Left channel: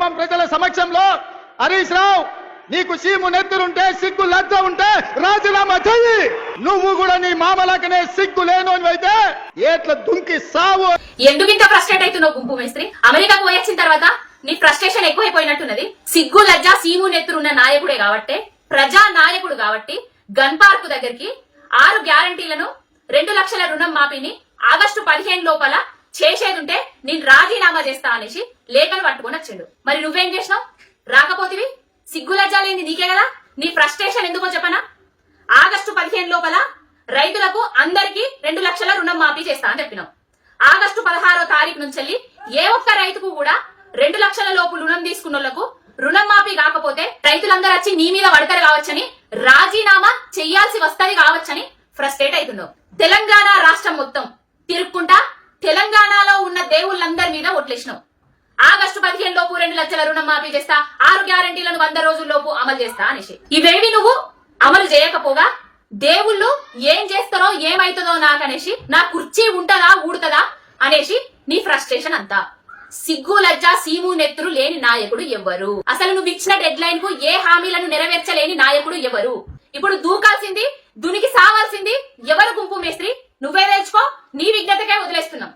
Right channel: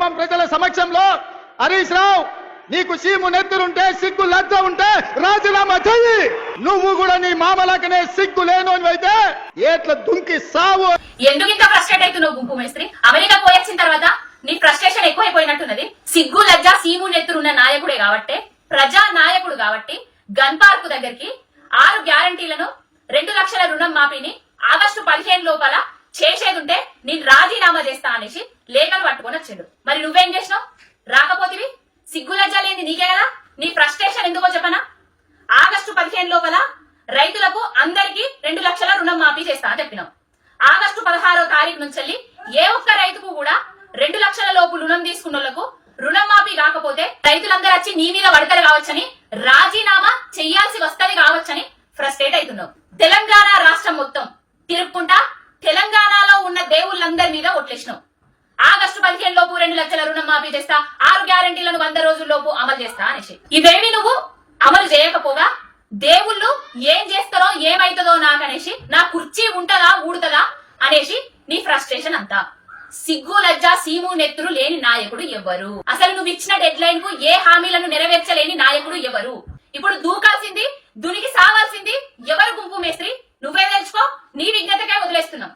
ఖమ్మం ప్రజల సమక్షంలో హరీష్ రావు నీకు సీము నెత్తురుంటే సిగ్గు లజ్జ ఉంటే రాజీనామా చెయ్యి. నువ్వు కూడా నీ మామలకనే సిగ్గు లేనోనివైతే ఏట్ల దుంకి సావు. ఎందుకు ఇంత ఫ్రస్ట్రేట్ అవుతున్నావు గుంపు మేస్త్రి? అమెరికాకు పోయొచ్చిన తర్వాత నీ ఫ్రస్ట్రేషన్ ఎక్కువైపోయినట్టున్నది. సిగ్గు లజ్జ సీము నెత్తురున్న నాయకుడే కాబట్టి, ప్రజా నాయకుడు కాబట్టి గన్ పార్క్ దగ్గరికి 6 గ్యారంటీలను 2 లక్షల రుణం మాఫీని ఆగస్టు 15 లోపల చేసేదుంటే నేను రాజీనామా చేస్తా అనేసి లేఖలు పట్టుకొని వచ్చిండు. మరి నువ్వేం చేసినావు? రాకపోతివి. సిగ్గు లజ్జ లేని నీకే కదా. నీ ఫ్రస్ట్రేషన్ ఎందుకో చెప్పనా? ఆగస్టు 15 లోపల రైతులకు అందరికీ 2 లక్షల రుణం మాఫీ చేస్తా అని చెప్పినావు. ఆగస్టు 16వ తారీఖు నుంచి ఏ ఒక్క రైతుకు కూడా 2 లక్షల లోపు రుణం తీసుకున్నోళ్లకు రుణం మాఫీ కాకపోతే రైతులందరూ వచ్చి నీ మీద వడకలు కావచ్చని, రాజీనామా చెయ్యాల్సి వస్తది కావచ్చని ఫ్రస్ట్రేట్ అవుతున్నావు. తెలంగాణ రాష్ట్రం మొత్తం తిరుక్కుంటా తెలంగాణలో ఉన్న దేవుళ్ళందరి మీద ఒట్లేసినావు. ఆగస్టు 15 లోపు 2 లక్షల రుణం మాఫీ చేస్తా, 6 గ్యారంటీలను 100 రోజుల్లోపు అమలు చేస్తా అనేసి ఇవేవి నువ్వు అమలు చేయకపోగా దేవుళ్ళు ఏం చేస్తారో ఏమైతుందో నాకనేసి, నా కుర్చీ ఉంటదా ఊడుతుందా అనేసి నీ ఫ్రస్ట్రేషన్ అంతా. సిగ్గు లజ్జ సీము నెత్తురు లేని నాయకుడు ఎవరు? అసలు నువ్వు ఇచ్చిన డెడ్ లైన్ కు ఏ హామీలను నెరవేర్చలేని నాయకుడు ఎవరు? ఇప్పుడు దూకాల్సింది దునికి సావాల్సింది ఎవరు గుంపు మేస్త్రి? నువ్వే తెలుసుకో. నీ విజ్ఞతకే వదిలేస్తున్నాం.